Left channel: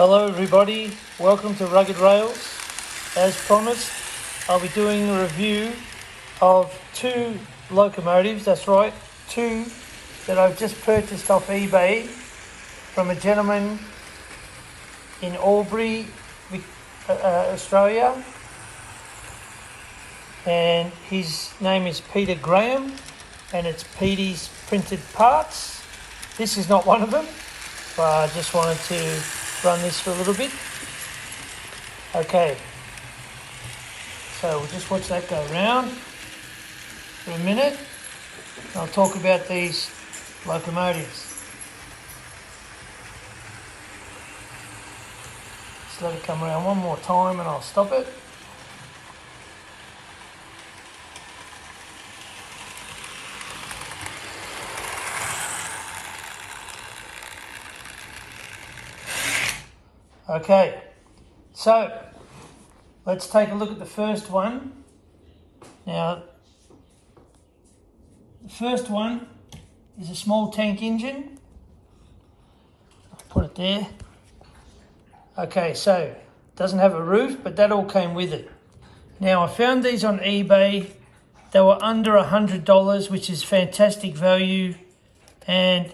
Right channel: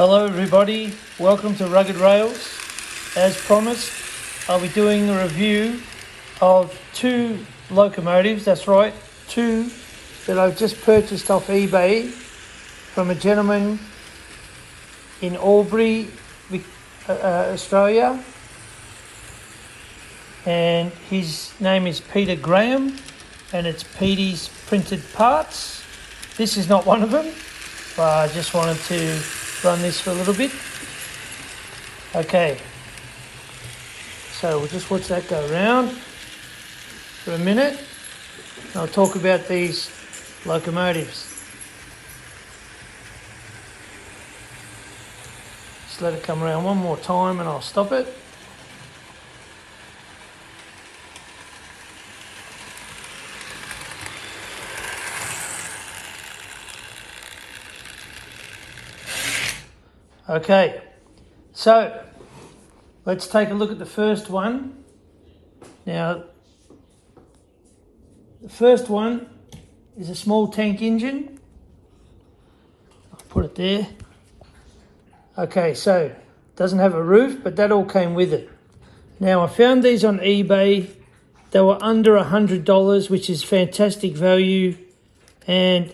Hello everybody, welcome to Rugged Rails. As promised, I'll be doing a review of two locomotives, that's right, two that I've just purchased off eBay from a gentleman in Albury, Australia, and his name is Peter Graham, and it's Peteysprintedparts. This is not one of them, but I just wanted to run this for a little bit. Okay, so we'll just watch that go around for a minute, and I'll talk about these locomotives. Just let it come around one more time and I'll stop it. Okay, so let's take a look at the first one. Now, the first one is a small tank engine. I'll put it there. Okay, so it doesn't have a roof, but that all came with it. Now, I found these on eBay. They were under $100, which is fantastic value. And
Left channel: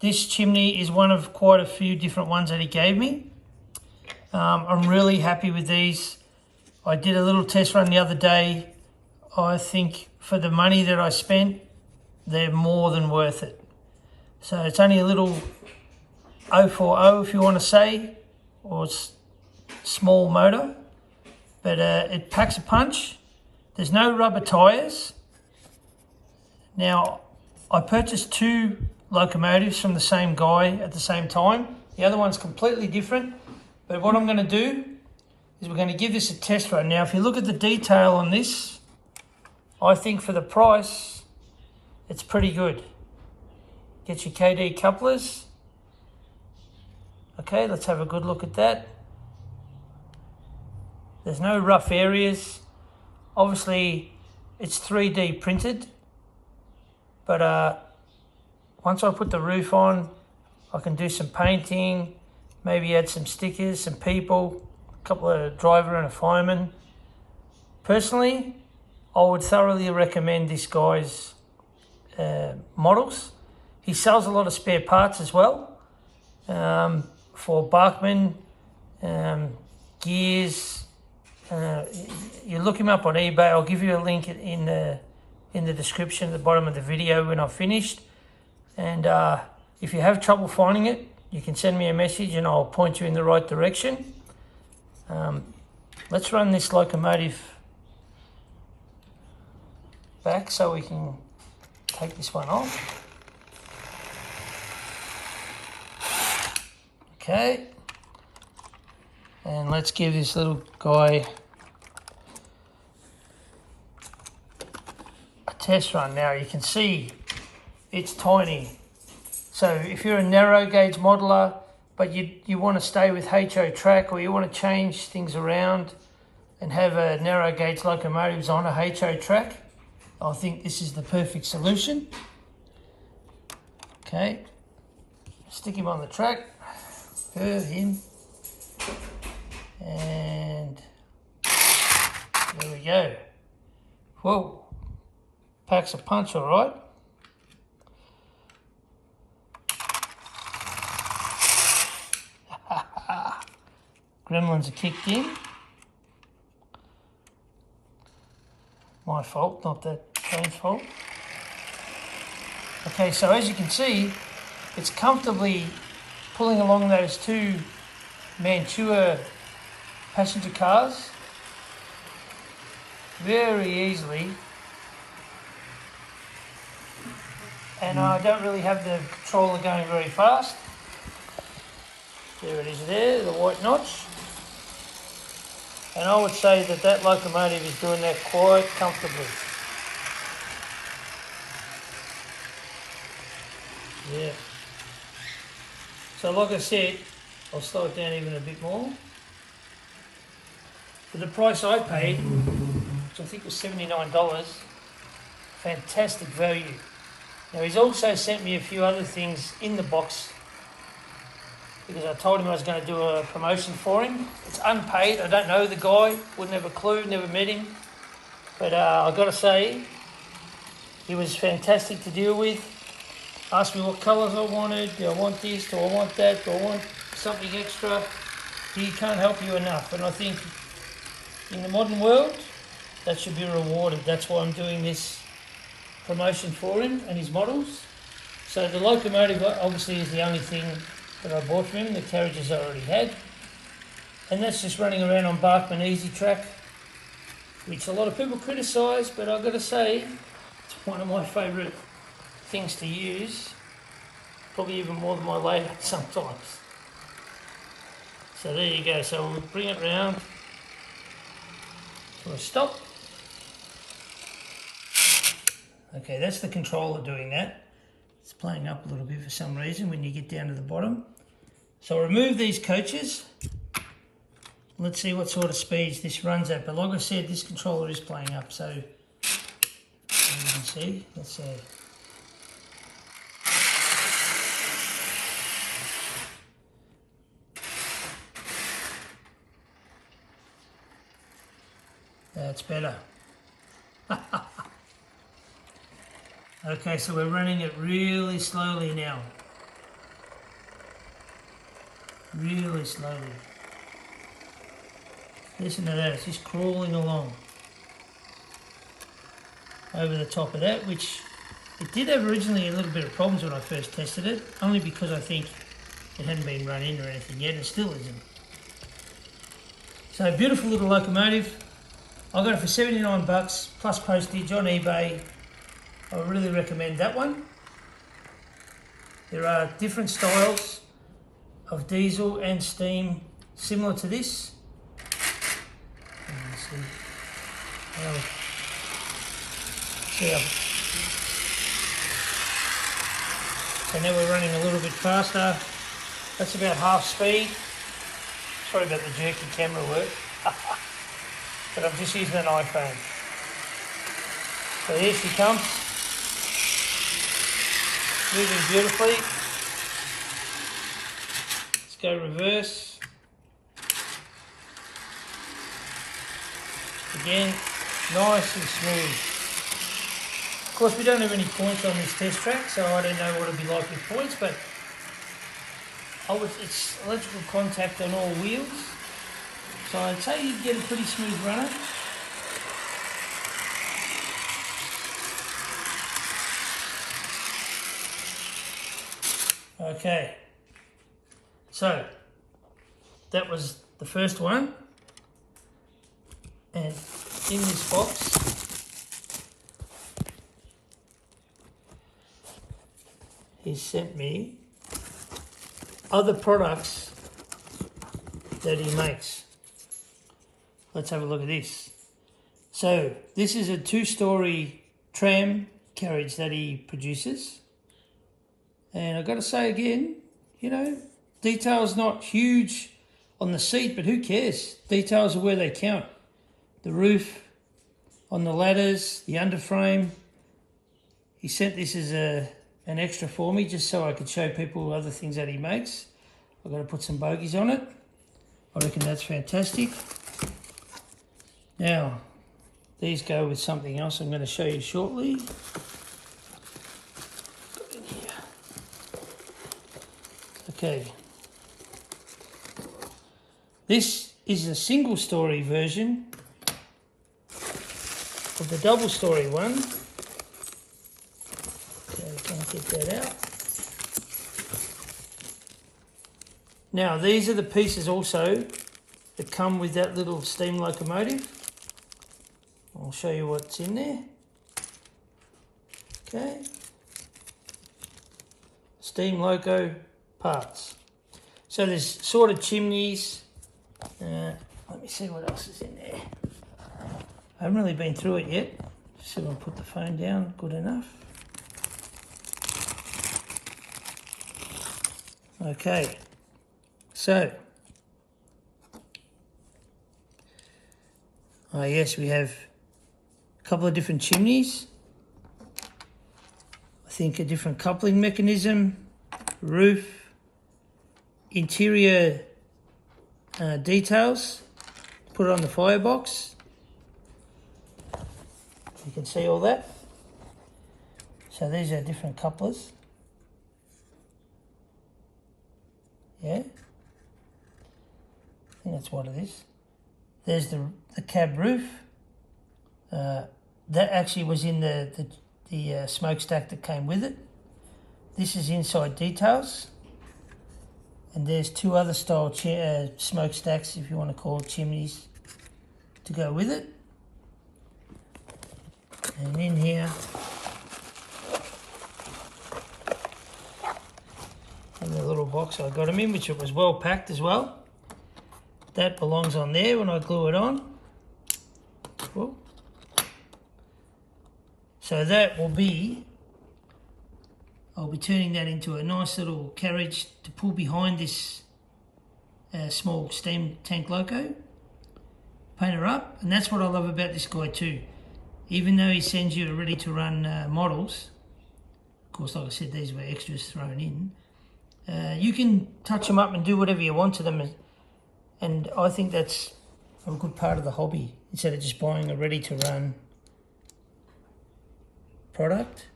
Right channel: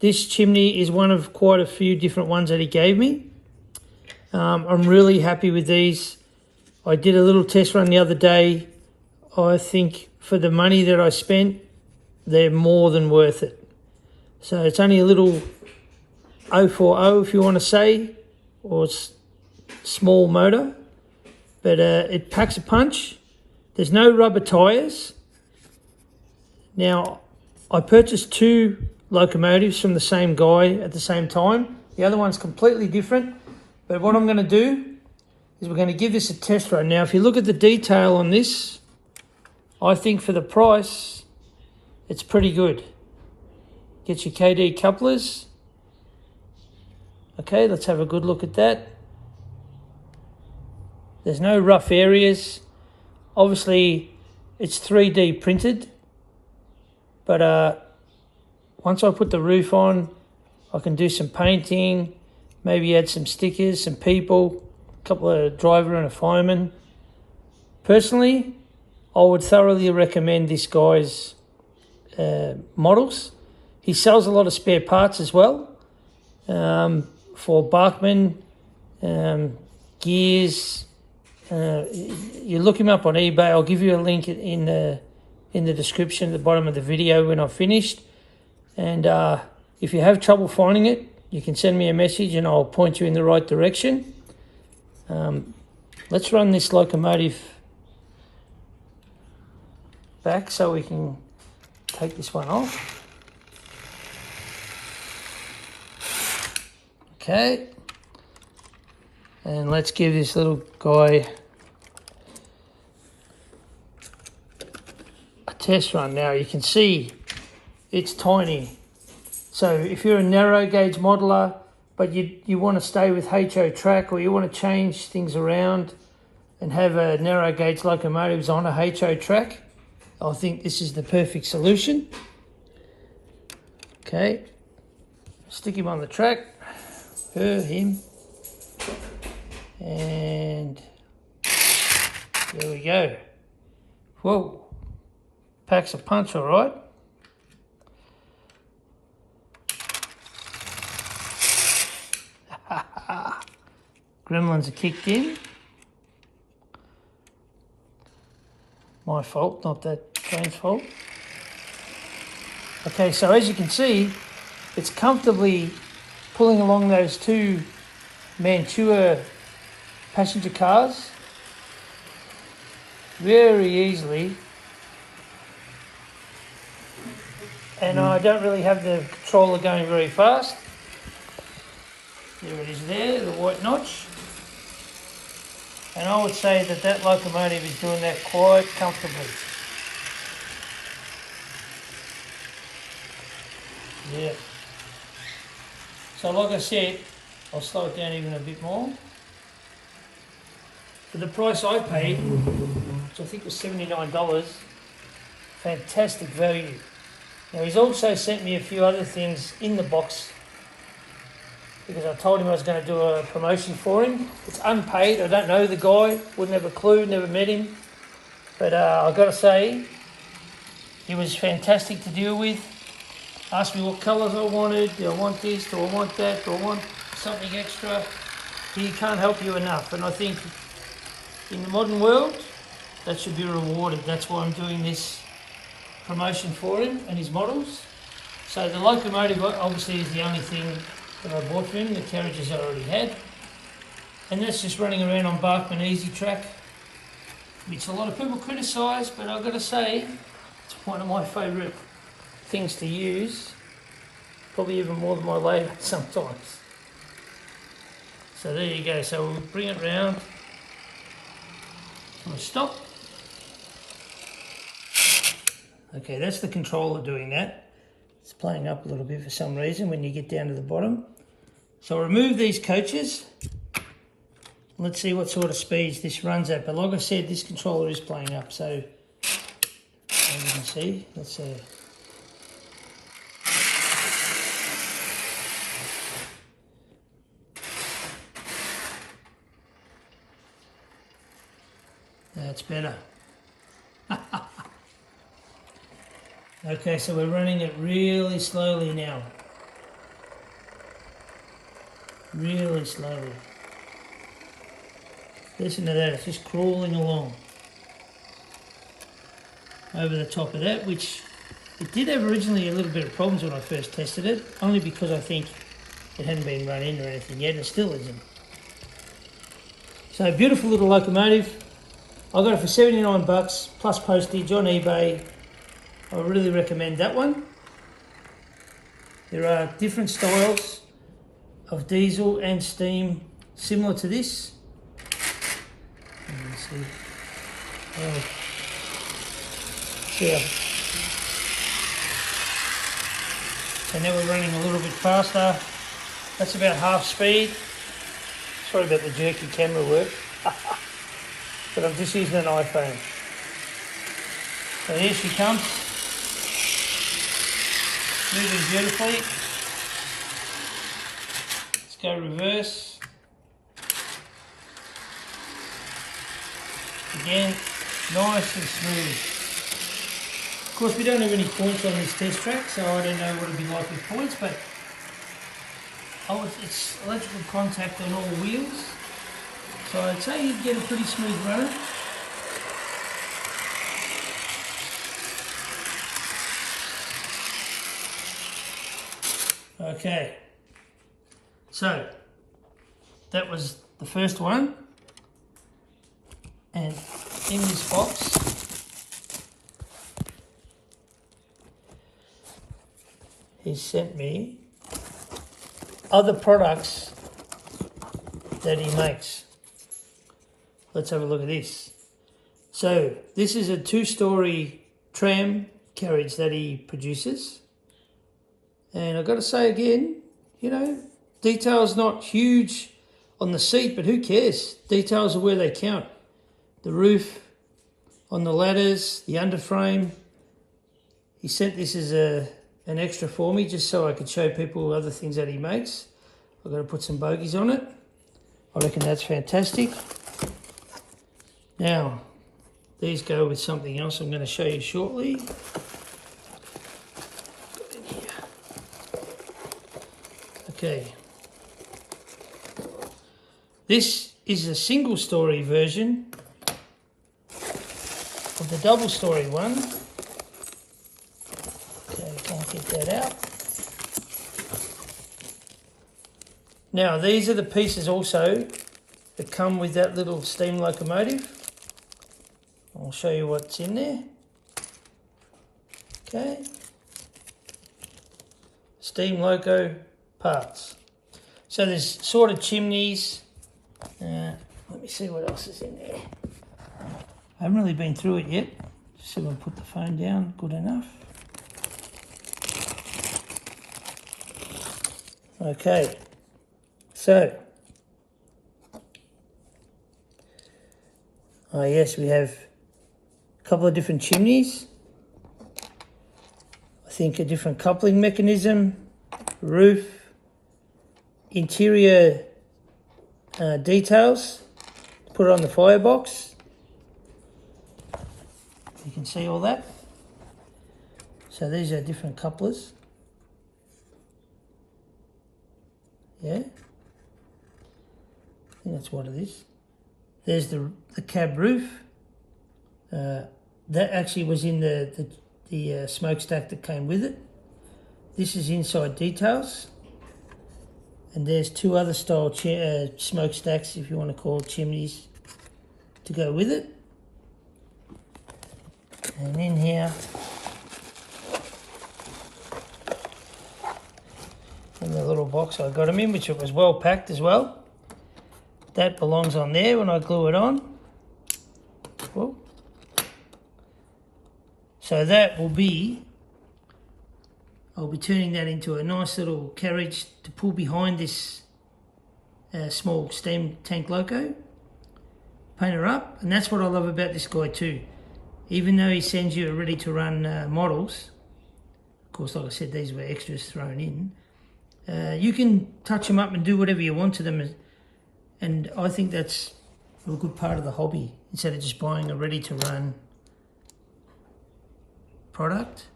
this chimney is one of quite a few different ones that he gave me. I'm really happy with these. I did a little test run the other day. I think for the money that I spent, they're more than worth it. So it's only a little 040 if you want to say, or small motor, but it packs a punch. There's no rubber tyres. Now, I purchased two locomotives from the same guy at the same time. The other one's completely different. But what I'm going to do is we're going to give this a test run. Now, if you look at the detail on this, I think for the price, it's pretty good. Gets your KD couplers. Okay, let's have a good look at that. There's no rough areas. Obviously, it's 3D printed. But once I put the roof on, I can do some painting. Maybe add some stickers, some people, a couple of driver and a fireman. Personally, I would thoroughly recommend this guy's models. He sells a lot of spare parts as well for Bachmann, gears. You look him up on eBay. I'll give you a link in the description at the bottom of the video when I've finished. And if you have trouble finding it, you can send me a message and I'll point you in the right direction. Let's run this locomotive back so we can take this one off. Okay. And let's give this little guy a test run. Now you can see it's tiny. So if you're a narrow gauge modeler, but you want to stay with HO track, or you want to change things around and have a narrow gauge locomotives on a HO track, I think this is the perfect solution. Okay, stick him on the track, curve him, and there we go. Whoa, packs a punch, all right. Gremlins are kicked in. My fault, not that guy's fault. Okay, so as you can see, it's comfortably pulling along those two Mantua passenger cars very easily. And I don't really have the controller going very fast. There it is there, the white notch. And I would say that that locomotive is doing that quite comfortably. Yeah. So like I said, I'll slow it down even a bit more. For the price I paid, which I think was $79, fantastic value. Now he's also sent me a few other things in the box because I told him I was going to do a promotion for him. It's unpaid. I don't know the guy. Wouldn't have a clue. Never met him. But I've got to say, he was fantastic to deal with. Asked me what colours I wanted. Do I want this? Do I want that? Do I want something extra? He can't help you enough. And I think in the modern world, that should be rewarded. That's why I'm doing this promotion for him and his models. So the locomotive obviously is the only thing that I bought for him. The carriages I already had. And that's just running around on Barkman Easy Track, which a lot of people criticise, but I've got to say, it's one of my favourite things to use, probably even more than my layout sometimes. So there you go. So we'll bring it round. Want to stop? Okay, that's the controller doing that. It's playing up a little bit for some reason when you get down to the bottom. So I'll remove these coaches. Let's see what sort of speeds this runs at. But like I said, this controller is playing up. So as you can see, let's see. That's better. Okay, so we're running it really slowly now. Really slowly. Listen to that, it's just crawling along. Over the top of that, which it did have originally a little bit of problems when I first tested it, only because I think it hadn't been run in or anything yet, and it still isn't. So beautiful little locomotive. I got it for 79 bucks plus postage on eBay. I really recommend that one. There are different styles of diesel and steam similar to this. Let's see. So now we're running a little bit faster. That's about half speed. Sorry about the jerky camera work. But I'm just using an iPhone. So here she comes. Moving beautifully. Let's go reverse. Again, nice and smooth. Of course, we don't have any points on this test track, so I don't know what it'll be like with points, but it's electrical contact on all wheels. So I'd say you'd get a pretty smooth runner. Okay, so that was the first one, and in this box he sent me other products that he makes. Let's have a look at this. So this is a 2-story tram carriage that he produces. And I've got to say again, you know, detail's not huge on the seat, but who cares? Details are where they count. The roof, on the ladders, the underframe. He sent this as an extra for me just so I could show people other things that he makes. I've got to put some bogies on it. I reckon that's fantastic. Now, these go with something else I'm going to show you shortly. Okay, this is a single-story version of the double-story one. Okay, I can't get that out. Now, these are the pieces also that come with that little steam locomotive. I'll show you what's in there. Okay, steam loco parts. So there's sort of chimneys. Let me see what else is in there. I haven't really been through it yet. Just see if I'll put the phone down good enough. Okay, so yes, we have a couple of different chimneys. I think a different coupling mechanism, roof, interior details, put it on the firebox. You can see all that. So these are different couplers. Yeah, I think that's what it is. There's the cab roof. That actually was in the smokestack that came with it. This is inside details. And there's two other style smokestacks, if you want to call it chimneys, to go with it. And in here, in the little box I got them in, which it was well packed as well. That belongs on there when I glue it on. Cool. So that will be, I'll be turning that into a nice little carriage to pull behind this small steam tank loco. Paint her up, and that's what I love about this guy too. Even though he sends you ready to run models, of course, like I said, these were extras thrown in. You can touch them up and do whatever you want to them, and I think that's a good part of the hobby, instead of just buying a ready to run product.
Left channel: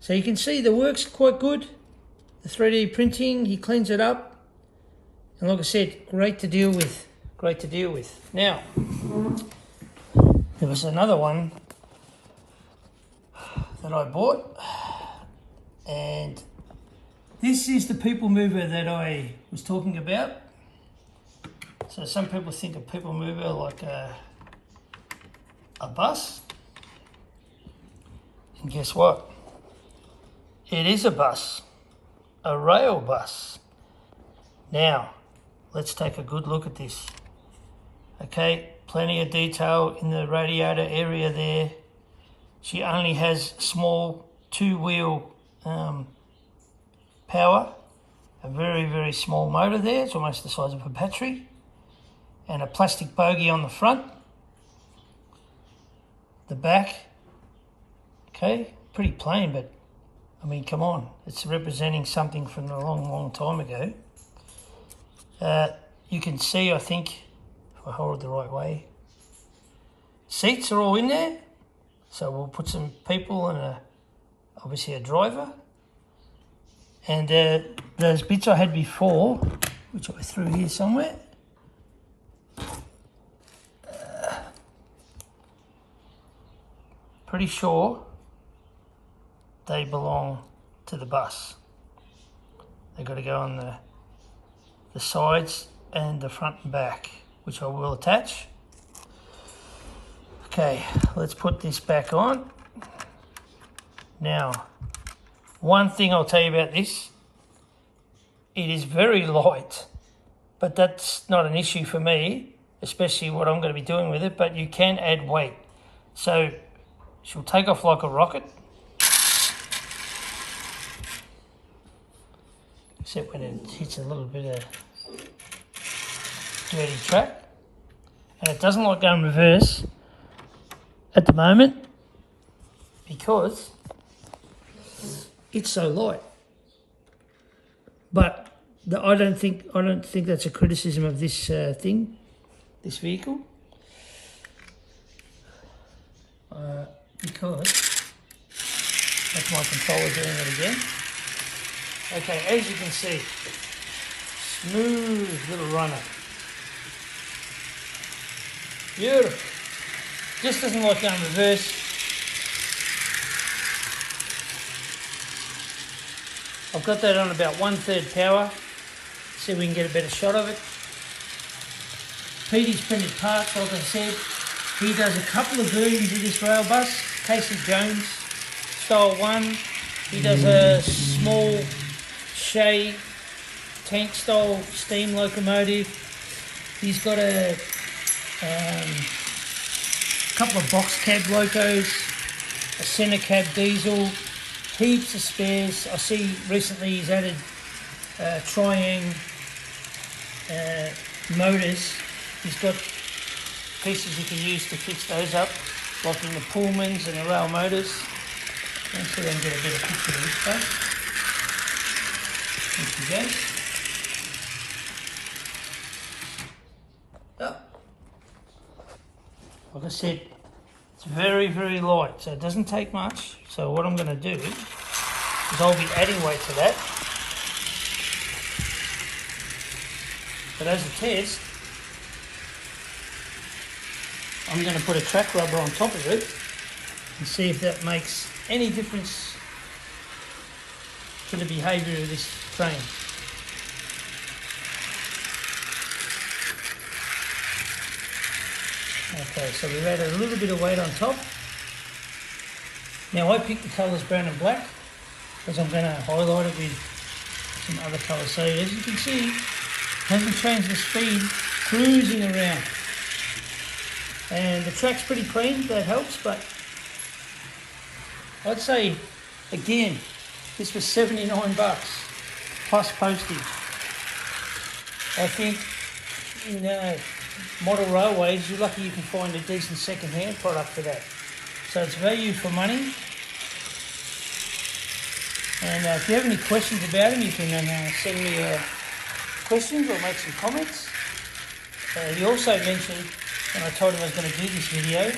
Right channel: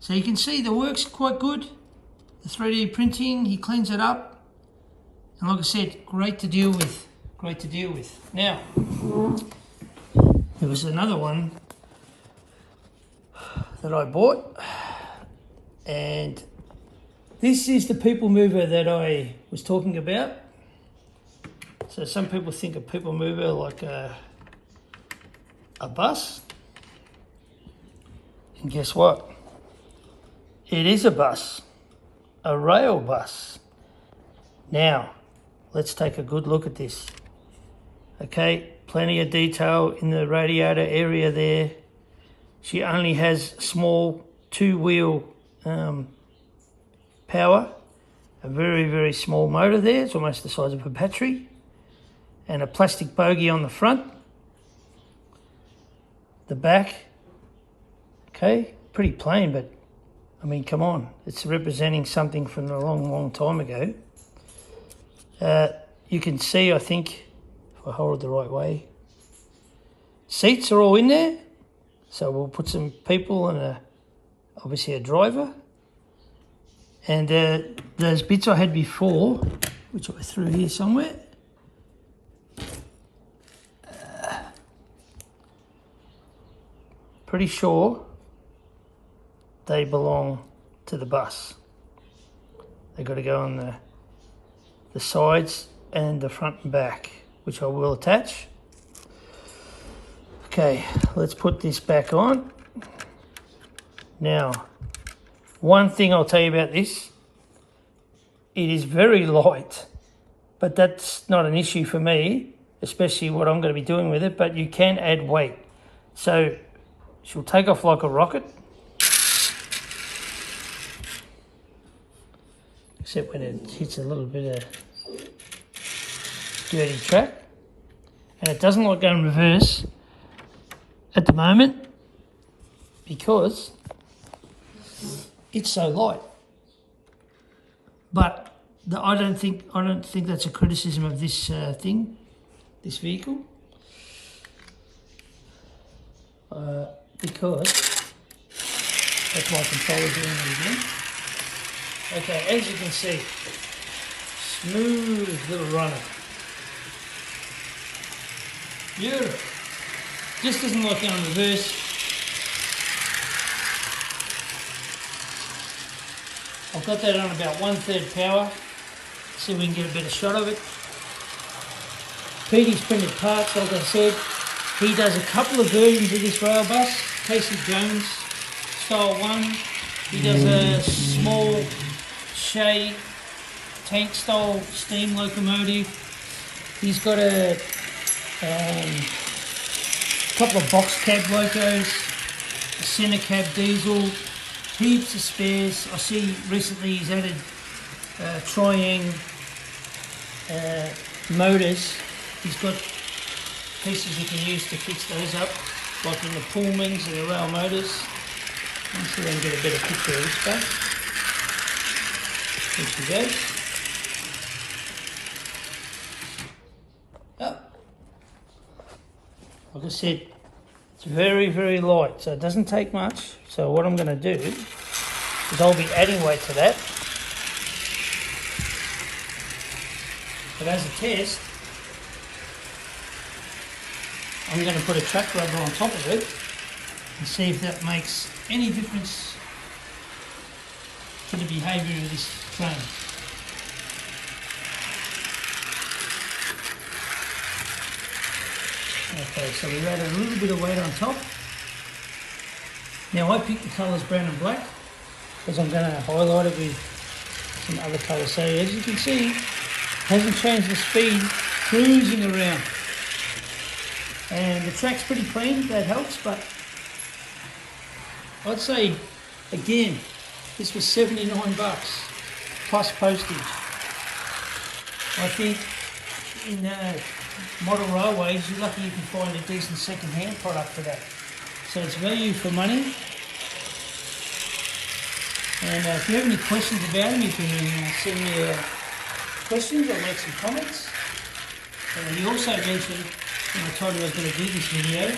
So you can see the work's quite good. The 3D printing, he cleans it up, and like I said, great to deal with. Great to deal with. Now, there was another one that I bought, and this is the people mover that I was talking about. So some people think a people mover like a bus. And guess what? It is a bus, a rail bus. Now, let's take a good look at this. Okay, plenty of detail in the radiator area there. She only has small 2-wheel power, a very, very small motor there. It's almost the size of a battery, and a plastic bogie on the front. The back, okay, pretty plain, but I mean, come on, it's representing something from a long, long time ago. You can see, I think, if I hold it the right way, seats are all in there. So we'll put some people and obviously a driver. And those bits I had before, which I threw here somewhere, pretty sure they belong to the bus. They've got to go on the sides and the front and back, which I will attach. Okay, let's put this back on. Now, one thing I'll tell you about this, it is very light, but that's not an issue for me, especially what I'm going to be doing with it, but you can add weight. So she'll take off like a rocket, except when it hits a little bit of dirty track. And it doesn't like going reverse at the moment because it's so light. But I don't think that's a criticism of this this vehicle, because that's my controller doing it again. Okay, as you can see, smooth little runner. Beautiful. Just doesn't like going reverse. I've got that on about 1/3 power. See if we can get a better shot of it. Peteysprintedparts, like I said, he does a couple of versions of this rail bus. Casey Jones, style 1. He does a small Shay tank style steam locomotive. He's got a couple of box cab locos, a centre cab diesel, heaps of spares. I see recently he's added triangle motors. He's got pieces you can use to fix those up, like in the Pullmans and the rail motors. Let's see if I can get a better picture of this stuff. There she goes. like I said, it's very, very light, so it doesn't take much. So what I'm going to do is I'll be adding weight to that. But as a test, I'm going to put a track rubber on top of it and see if that makes any difference to the behaviour of this train. Okay, so we've added a little bit of weight on top. Now I picked the colours brown and black because I'm going to highlight it with some other colours. So as you can see, it hasn't changed the speed, cruising around. And the track's pretty clean, that helps, but I'd say, again, this was 79 bucks plus postage. I think in model railways, you're lucky you can find a decent second-hand product for that. So it's value for money. And if you have any questions about them, you can send me questions or make some comments. He also mentioned, and I told him I was going to do this video,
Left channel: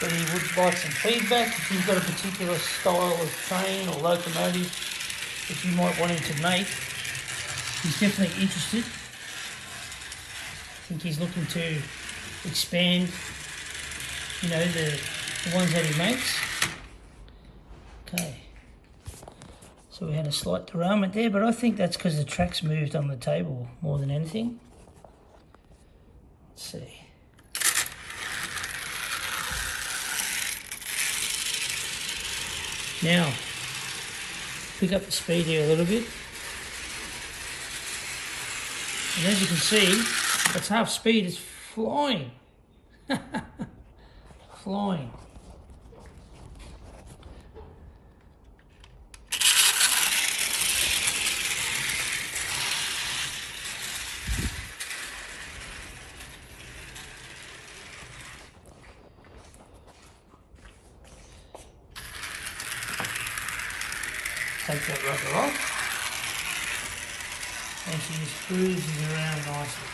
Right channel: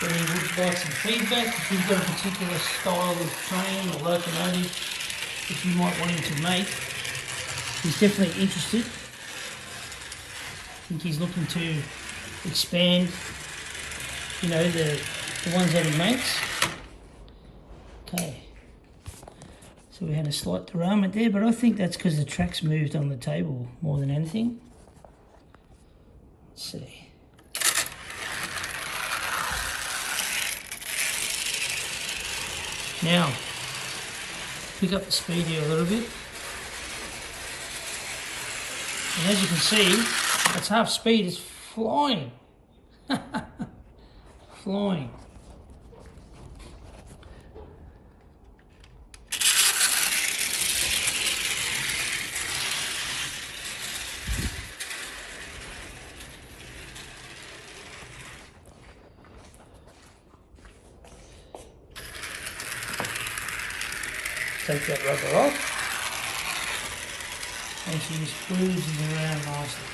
that he would like some feedback if you've got a particular style of train or locomotive that you might want him to make. He's definitely interested. I think he's looking to expand, you know, the ones that he makes. Okay. So we had a slight derailment there, but I think that's because the track's moved on the table more than anything. Let's see. Now, pick up the speed here a little bit. And as you can see, that's half speed, it's flying. Flying. Take that rubber off, and she just cruises around nicely.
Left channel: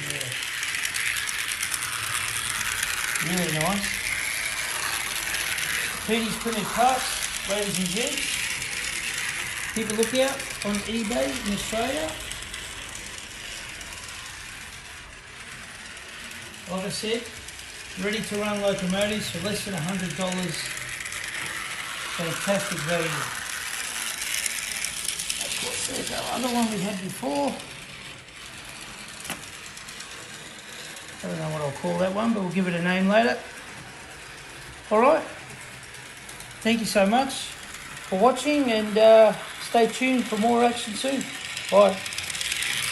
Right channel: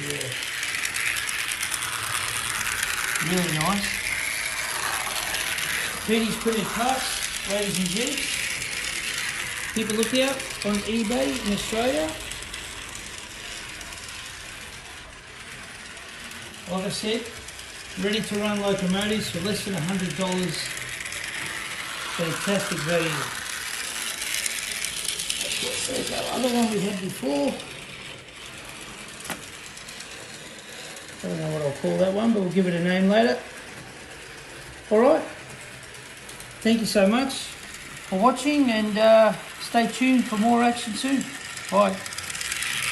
Yeah. Really nice. Peteysprintedparts, ladies and gents. Keep a lookout on eBay in Australia. Like I said, ready to run locomotives for less than $100. Fantastic value. Of course, there's our other one we had before. I don't know what I'll call that one, but we'll give it a name later. Alright, thank you so much for watching, and stay tuned for more action soon. Bye.